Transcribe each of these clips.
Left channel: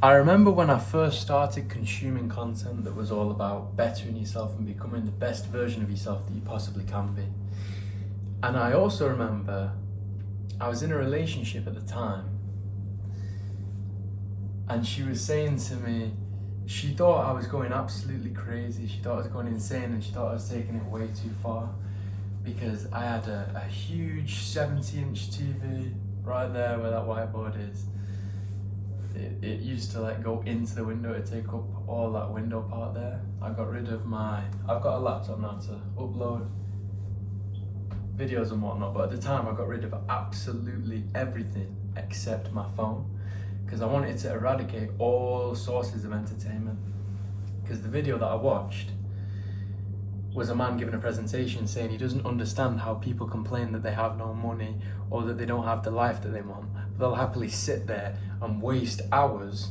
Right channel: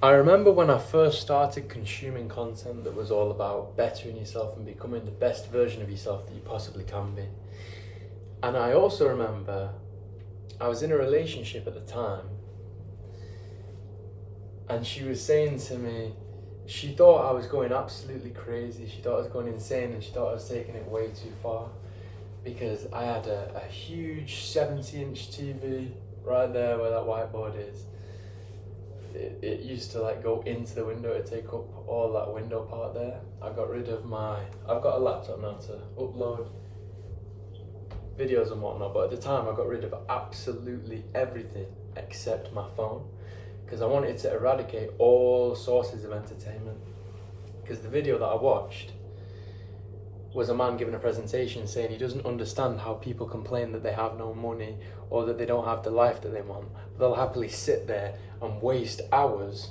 I remember when I first started consuming content that was all about bettering yourself and becoming the best version of yourself that you possibly can be. And I also remember I was in a relationship at the time, and she was saying to me, she thought I was going absolutely crazy. She thought I was going insane, and she thought I was taking it way too far because I had a huge 70-inch TV right there where that whiteboard is. It used to like go into the window to take up all that window part there. I've got a laptop now to upload videos and whatnot, but at the time I got rid of absolutely everything except my phone because I wanted to eradicate all sources of entertainment. Because the video that I watched was a man giving a presentation saying he doesn't understand how people complain that they have no money or that they don't have the life that they want. They'll happily sit there and waste hours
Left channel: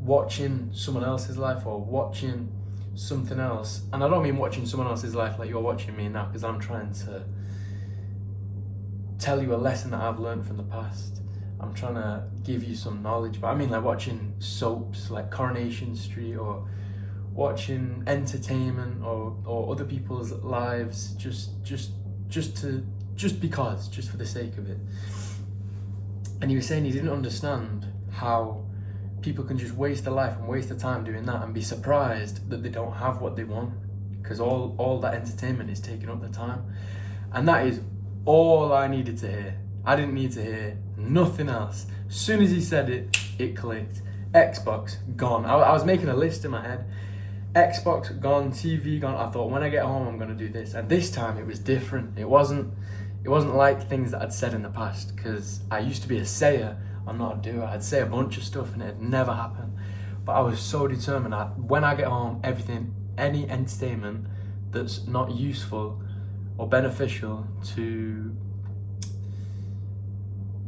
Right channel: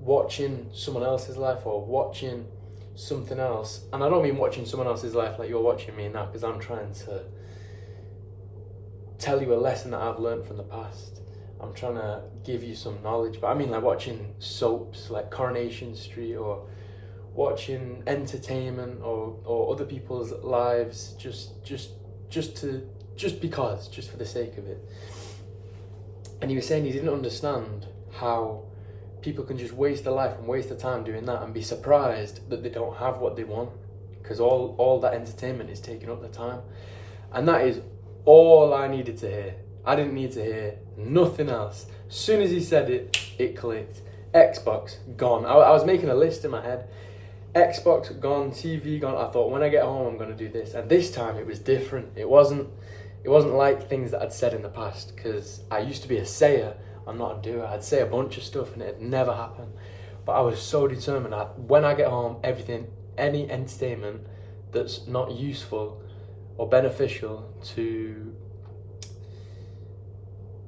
watching someone else's life or watching something else. And I don't mean watching someone else's life like you're watching me now, because I'm trying to tell you a lesson that I've learned from the past. I'm trying to give you some knowledge, but I mean like watching soaps like Coronation Street or watching entertainment or other people's lives just for the sake of it. And he was saying he didn't understand how people can just waste their life and waste their time doing that and be surprised that they don't have what they want because all that entertainment is taking up their time. And that is all I needed to hear. I didn't need to hear nothing else. As soon as he said it, it clicked. Xbox gone. I was making a list in my head. Xbox gone, TV gone. I thought when I get home I'm gonna do this. And this time it was different. It wasn't like things that I'd said in the past, because I used to be a sayer, I'm not a doer. I'd say a bunch of stuff and it'd never happen. But I was so determined that when I get home, any entertainment that's not useful or beneficial to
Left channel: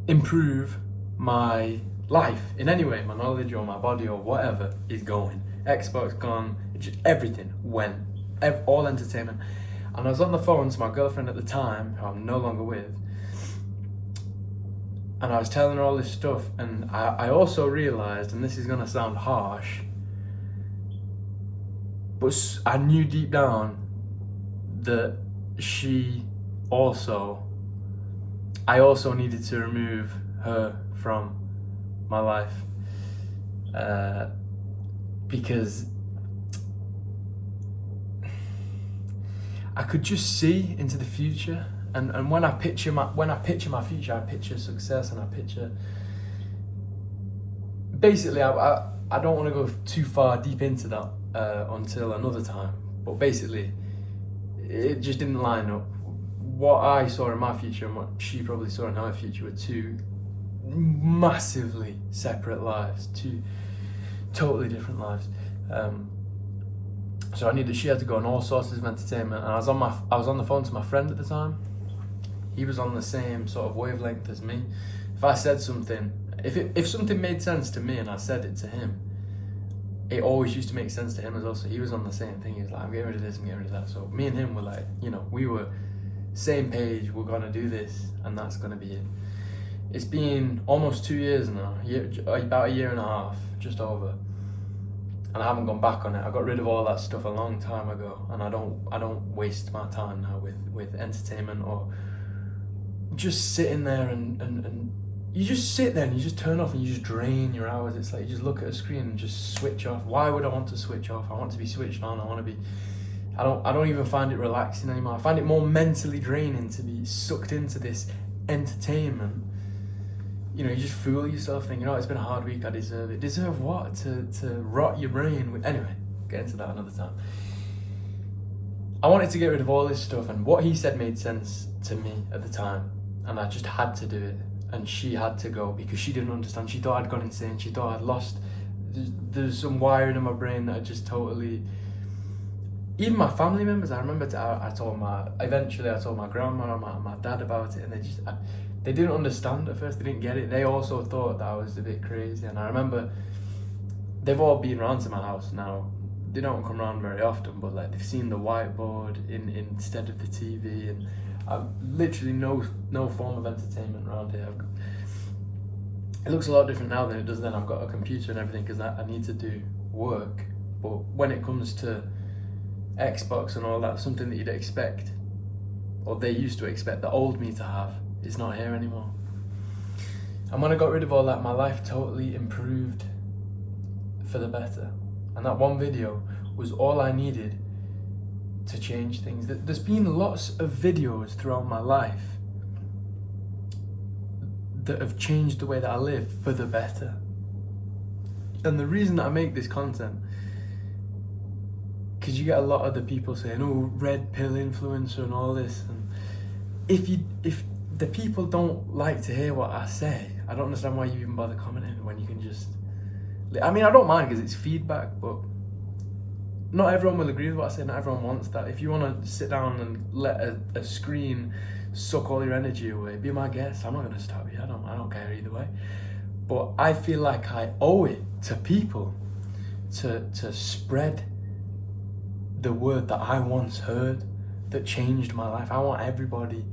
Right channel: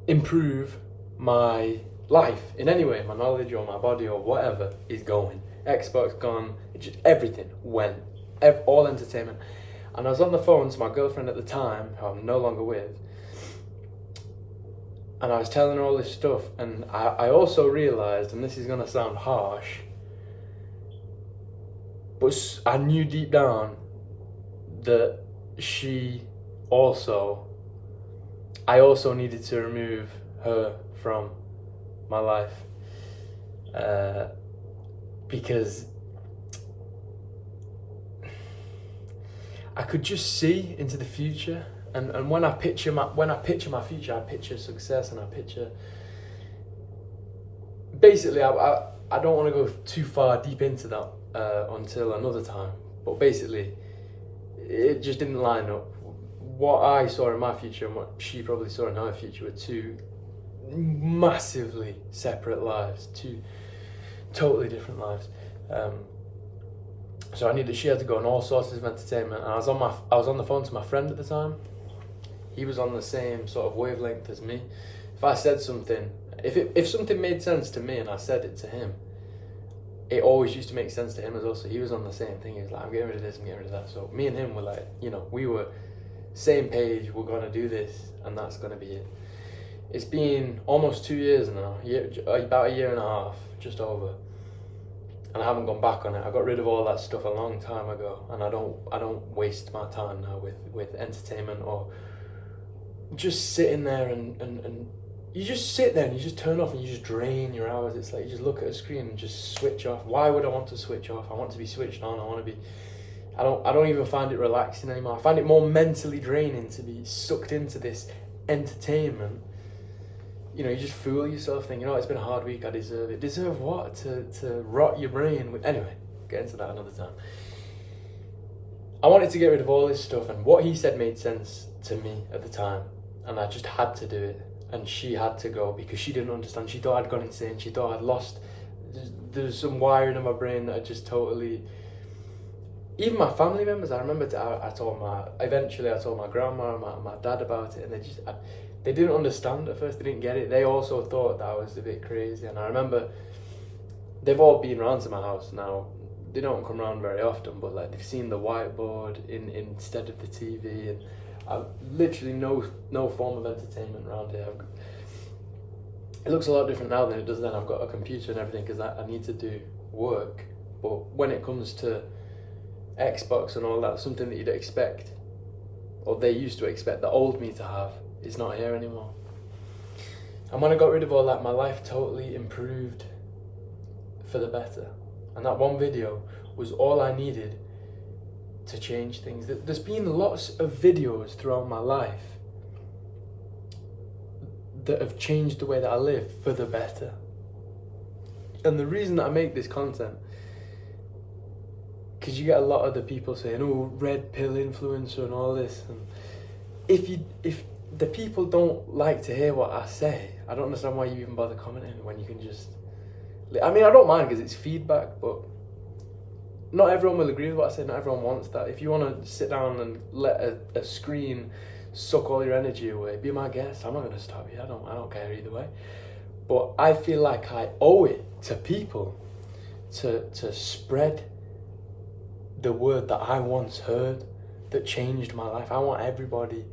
improve my life in any way, my knowledge or my body or whatever, is going. Xbox gone, just everything went, all entertainment. And I was on the phone to my girlfriend at the time, who I'm no longer with, and I was telling her all this stuff, and I also realised, and this is going to sound harsh, but I knew deep down that I also needed to remove her from my life, because I could just see into the future, and when I picture my future, I picture success, and I picture. Basically, I don't want to go too far deep into that until another time. But basically, it just didn't line up. What I saw in my future and what she probably saw in her future were two massively separate lives, two totally different lives. So she had to go on all sources of entertainment, and I was on the phone to my friend at the time. He was on the same sort of wavelength as me. If I said something, if something made sense to me and I said it to him, it always used to make sense to him as well. So he was on the same thing. He was like, I'm getting rid of this, I'm getting rid of that. So me and him were like, we were same page, we're gonna do this, and that's gonna be it. It's been almost 2 years now, about a year and a half, just over. And I haven't gone back on it. I got rid of all that stuff a long time ago, and I don't waste my time now with entertainment or just sitting there and you just sit there and you just turn off and you just drain your hours. It's like you just look at a screen and just switch off. Why would I want to switch off? I want to be switched on. I don't even find it relaxing anymore. I find it more mentally draining to be sucked into this entertainment. You just fool yourself thinking, it's been a hard week, I deserve it. Deserve what? To rot your brain with... Anyway, get into that another time. I wanted to get rid of all this stuff, and what he said made sense to me at the time, and I just had to do it. And she had to go because she didn't understand. She thought I'd gone insane. She thought I'd lost... There's some wiring in my brain that I just totally... Even my family members, I remember I told my grandma and my dad about it, and they didn't understand at first. They didn't get it. They also thought that I was a bit crazy. And I remember they've all been around to my house now. They don't come around very often, but like they've seen the whiteboard instead of the TV, and I've literally no form of entertainment around here. It looks a lot different now than it does then. I've got a computer and everything because I need to do work. But when it comes to Xbox and all that, something that you'd expect, or they used to expect the old me to have, is not here anymore. And when I got rid of all that, my life totally improved for the better. And that one video was all I needed to change things. There's been lots of videos throughout my life that have changed the way that I live for the better. And the reason that I make this content, because you get a lot of the people saying, oh, red pill influencer and all this. And if the people don't like to hear what I say, I don't understand why you even bother commenting when you can just... I mean, I don't mind because it's feedback, but not everyone will agree with what I say. Not everyone wants that. If you want to sit down and let a screen suck all your energy away, be my guest. I'm not going to stop you. I don't care either way. But I feel like I owe it to people to spread the word that I once heard that changed my life. I want everybody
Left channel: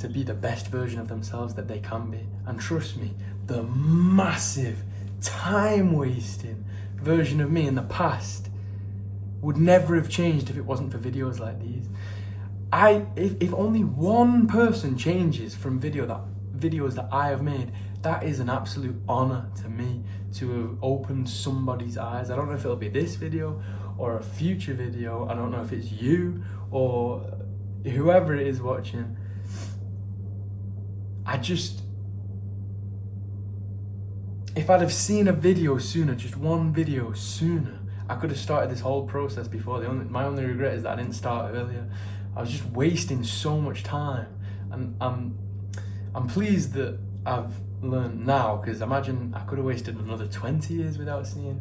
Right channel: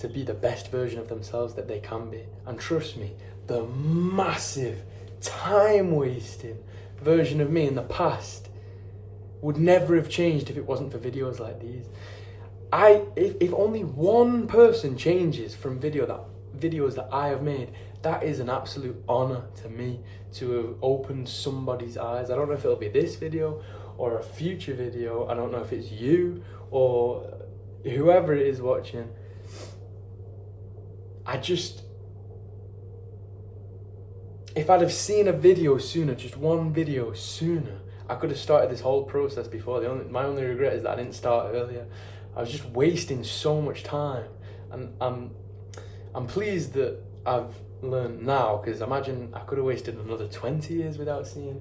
to be the best version of themselves that they can be. And trust me, the massive time-wasting version of me in the past would never have changed if it wasn't for videos like these. If only one person changes from videos that I have made, that is an absolute honor to me to have opened somebody's eyes. I don't know if it'll be this video or a future video. I don't know if it's you or whoever it is watching. If I'd have seen a video sooner, just one video sooner, I could have started this whole process before. My only regret is that I didn't start earlier. I was just wasting so much time, and I'm pleased that I've learned now, because imagine I could have wasted another 20 years without seeing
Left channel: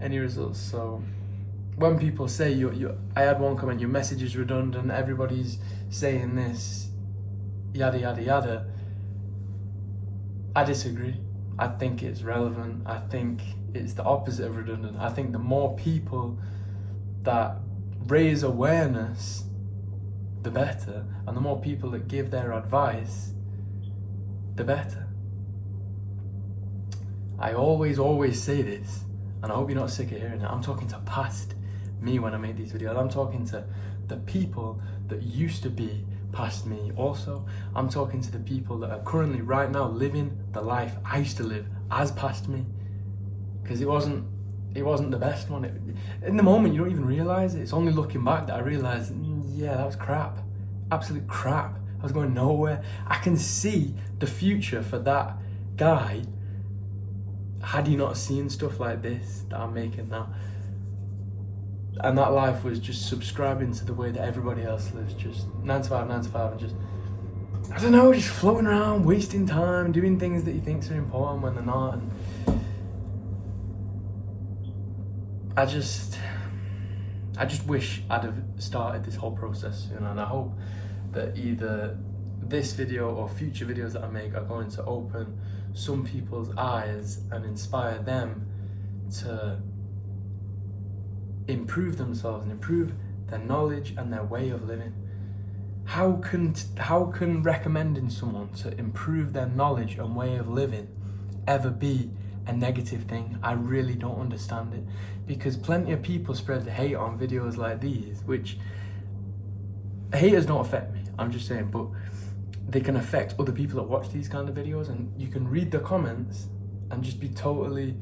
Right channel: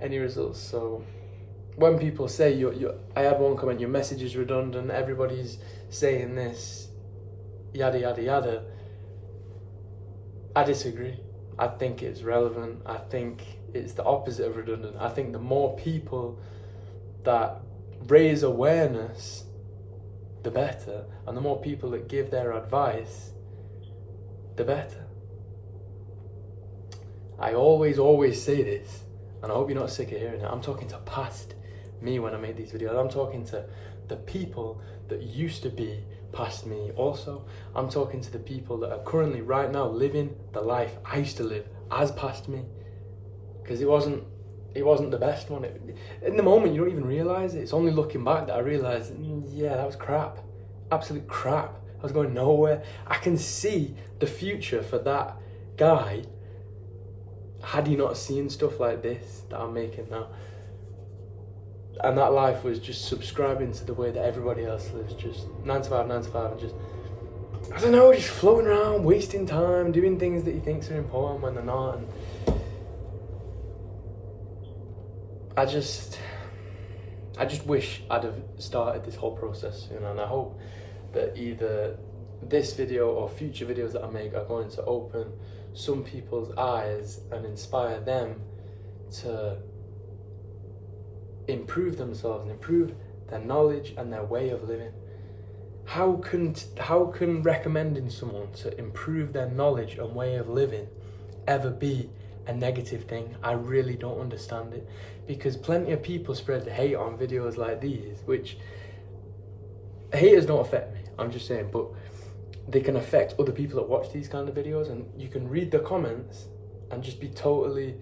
any results. So when people say I had one comment, your message is redundant, everybody's saying this, yada yada yada, I disagree. I think it's relevant. I think it's the opposite of redundant. I think the more people that raise awareness, the better. And the more people that give their advice, the better. I always say this, and I hope you're not sick of hearing it. I'm talking to past me when I make these videos. I'm talking to the people that used to be past me also. I'm talking to the people that are currently right now living the life I used to live as past me, because it wasn't the best one. In the moment you don't even realise it. It's only looking back that I realise, yeah, that was crap, absolute crap. I was going nowhere. I can see the future for that guy had he not seen stuff like this that I'm making now. And that life was just subscribing to the way that everybody else lives, just 9 to 5, and just, I don't know, just floating around, wasting time, doing things that he thinks are important when they're not. And I just wish I'd have started this whole process, and I hope that either this video or future videos that I make are going to open some people's eyes and inspire them to improve themselves and improve their knowledge and their way of living. How can recommending someone to improve their knowledge and way of living ever be a negative thing? I really don't understand it, because plenty of people spread hate on videos like these, which haters don't affect me, I'm just saying, but they can affect other people that watch these kind of videos, and you can read the comments and just be totally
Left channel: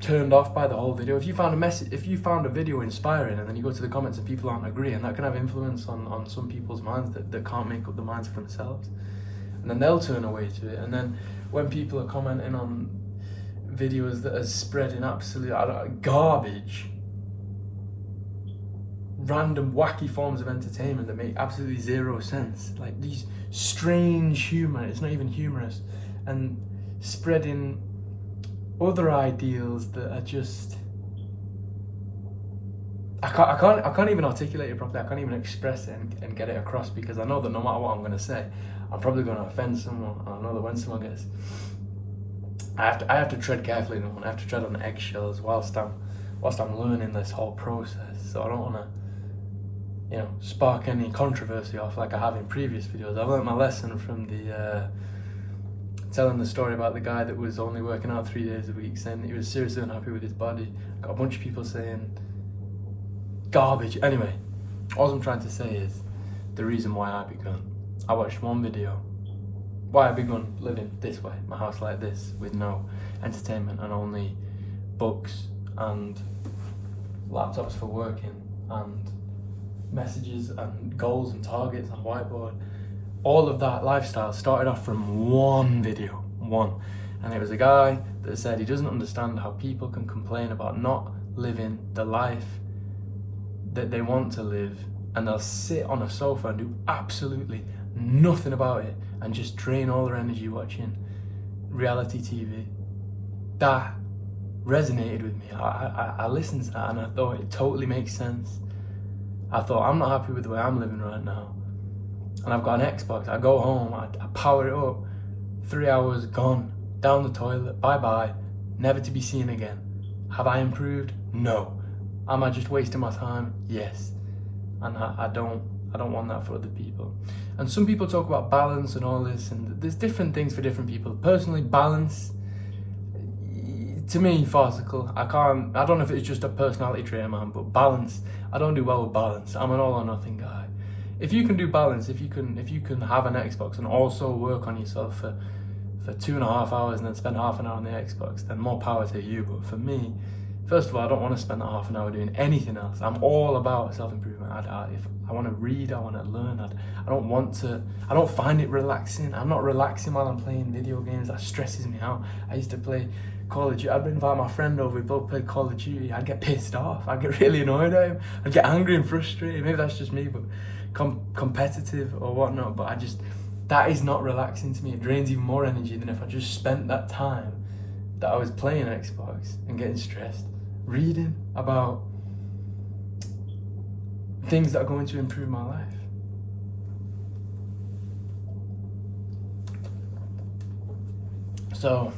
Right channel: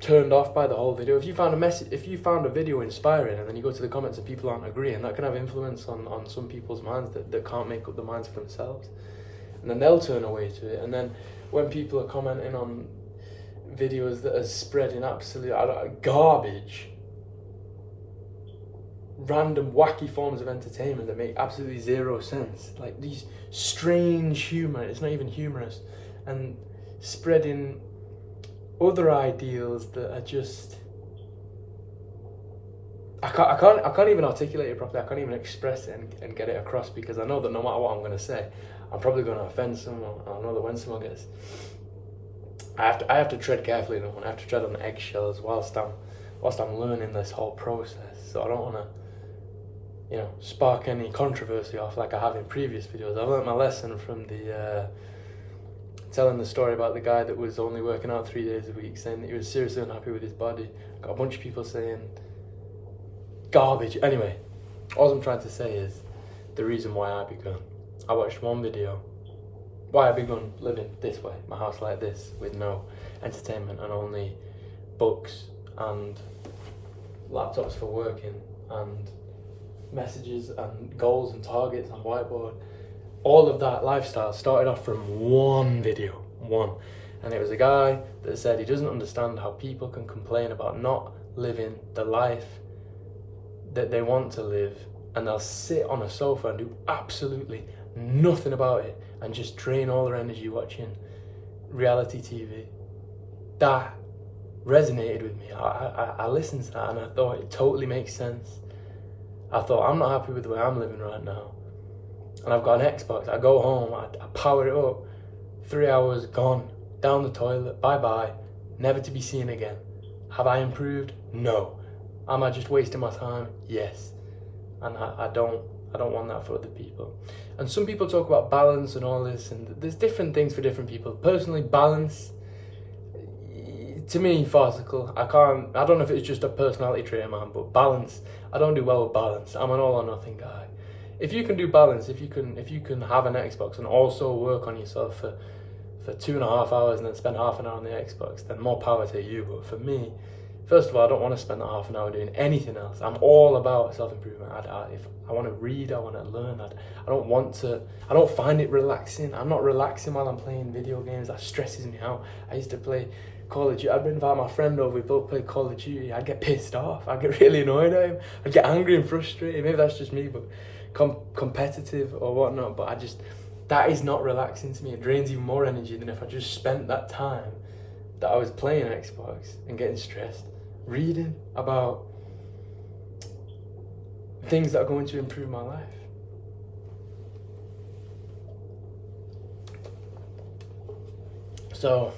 turned off by the whole video. If you found a video inspiring and then you go to the comments and people aren't agreeing, that can have influence on some people's minds that can't make up the minds for themselves, and then they'll turn away to it. And then when people are commenting on videos that are spreading absolute garbage, random wacky forms of entertainment that make absolutely zero sense, like these strange humour, it's not even humorous, and spreading other ideals that are just, I can't even articulate it properly. I can't even express it and get it across, because I know that no matter what I'm going to say, I'm probably going to offend someone. I know that when someone gets, I have to tread carefully in the one. I have to tread on eggshells whilst I'm learning this whole process. So I don't want to, spark any controversy off like I have in previous videos. I've learned my lesson from the telling the story about the guy that was only working out 3 days a week, saying that he was seriously unhappy with his body. Got a bunch of people saying garbage. Anyway, all I'm trying to say is the reason why I begun. I watched one video, why I begun living this way, my house like this, with no entertainment and only books and laptops for working and messages and goals and targets and whiteboard. All of that lifestyle started off from one video, and it was a guy that said he doesn't understand how people can complain about not living the life that they want to live, and they'll sit on a sofa and do absolutely nothing about it and just drain all their energy watching reality TV. That resonated with me. I listened to that and I thought it totally makes sense. I thought, I'm not happy with the way I'm living right now, and I've got an Xbox. I go home, I power it up, 3 hours gone, down the toilet, bye-bye, never to be seen again. Have I improved? No. Am I just wasting my time? Yes. And I don't want that for other people. And some people talk about balance and all this, and there's different things for different people. Personally, balance, to me, farcical. I don't know if it's just a personality trait of mine, but balance, I don't do well with balance. I'm an all or nothing guy. If you can do balance, if you can have an Xbox and also work on yourself for 2.5 hours and then spend half an hour on the Xbox, then more power to you. But for me, first of all, I don't want to spend that half an hour doing anything else. I'm all about self-improvement. If I want to read, I want to learn. I don't find it relaxing. I'm not relaxing while I'm playing video games. That stresses me out. I used to play Call of Duty. I'd invite my friend over, we'd both play Call of Duty. I'd get pissed off. I'd get really annoyed at him. I'd get angry and frustrated. Maybe that's just me, but competitive or whatnot. But that is not relaxing to me. It drains even more energy than if I just spent that time that I was playing Xbox and getting stressed, reading about things that are going to improve my life. So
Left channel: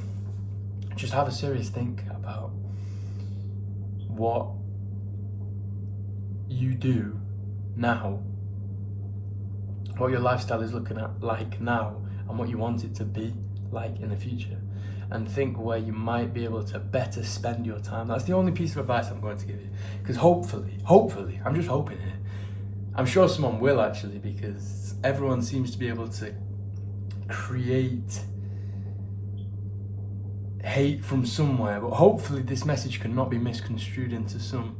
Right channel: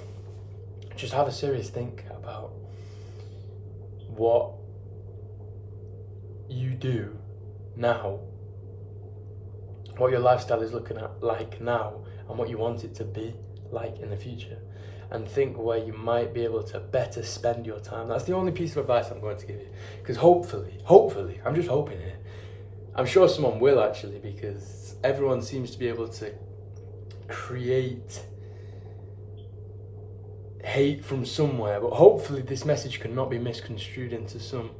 just have a serious think about what you do now, what your lifestyle is looking at like now, and what you want it to be like in the future, and think where you might be able to better spend your time. That's the only piece of advice I'm going to give you, because hopefully, I'm just hoping it, I'm sure someone will actually, because everyone seems to be able to create hate from somewhere, but hopefully this message cannot be misconstrued into some,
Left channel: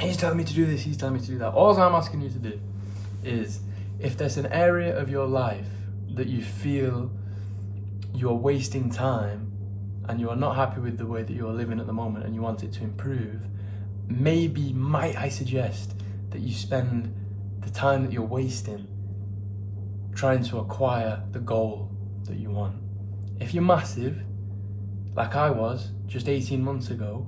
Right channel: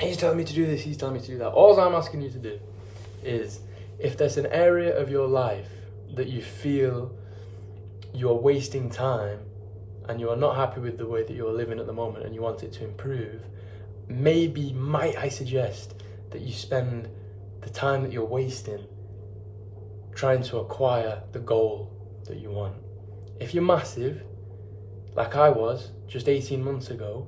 he's telling me to do this, he's telling me to do that. All I'm asking you to do is, if there's an area of your life that you feel you're wasting time and you are not happy with the way that you're living at the moment and you want it to improve, might I suggest that you spend the time that you're wasting trying to acquire the goal that you want. If you're massive, like I was just 18 months ago,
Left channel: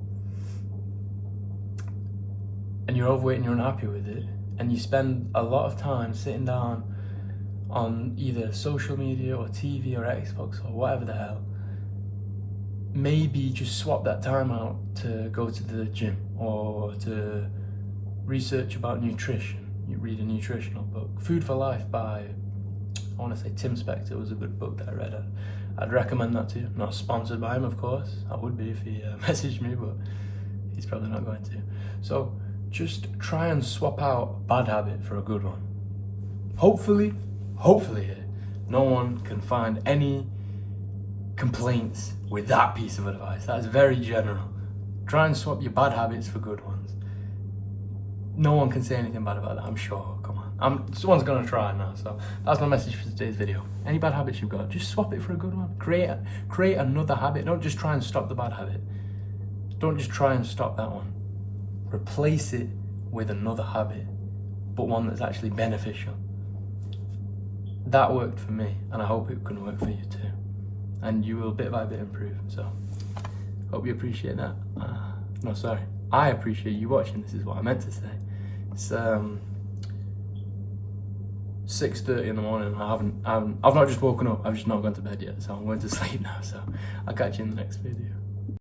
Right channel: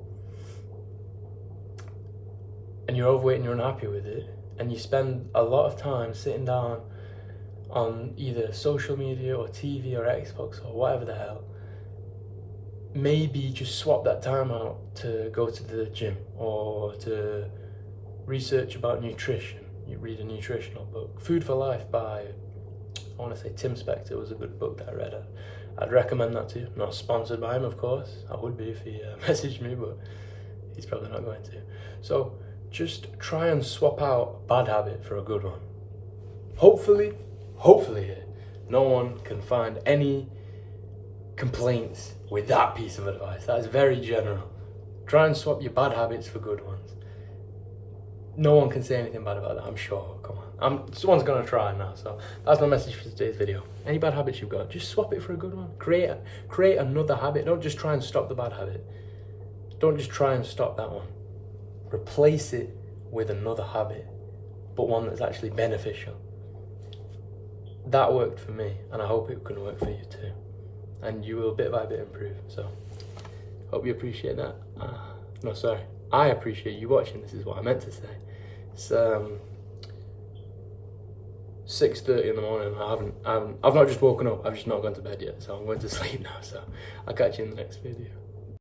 and you're overweight and you're unhappy with it, and you spend a lot of time sitting down on either social media or TV or Xbox or whatever the hell, maybe just swap that time out to go to the gym or to research about nutrition. You read a nutritional book. Food for Life by, I want to say Tim Spector was a good book that I read. I'd recommend that to you. Not sponsored by him, of course. I would be if he messaged me, but he's probably not going to. So just try and swap out a bad habit for a good one. Hopefully, no one can find any complaints with that piece of advice. That's very general. Try and swap your bad habits for good ones. No one can say anything bad about that, I'm sure. Come on. Someone's gonna try now, so that's my message for today's video. Any bad habits you've got, just swap it for a good one. Create another habit. Don't just try and stop the bad habit. Don't just try and stop that one. Replace it with another habit, but one that's actually beneficial. That worked for me, and I hope it can work for you too. And you will bit by bit improve. So, hope you appreciate that. I appreciate you watching. This is what I meant to say. It's 6:30 in the morning. I've not just woken up. I've just not gone to bed yet. So I'm going to sleep now. So I'll catch you in the next video.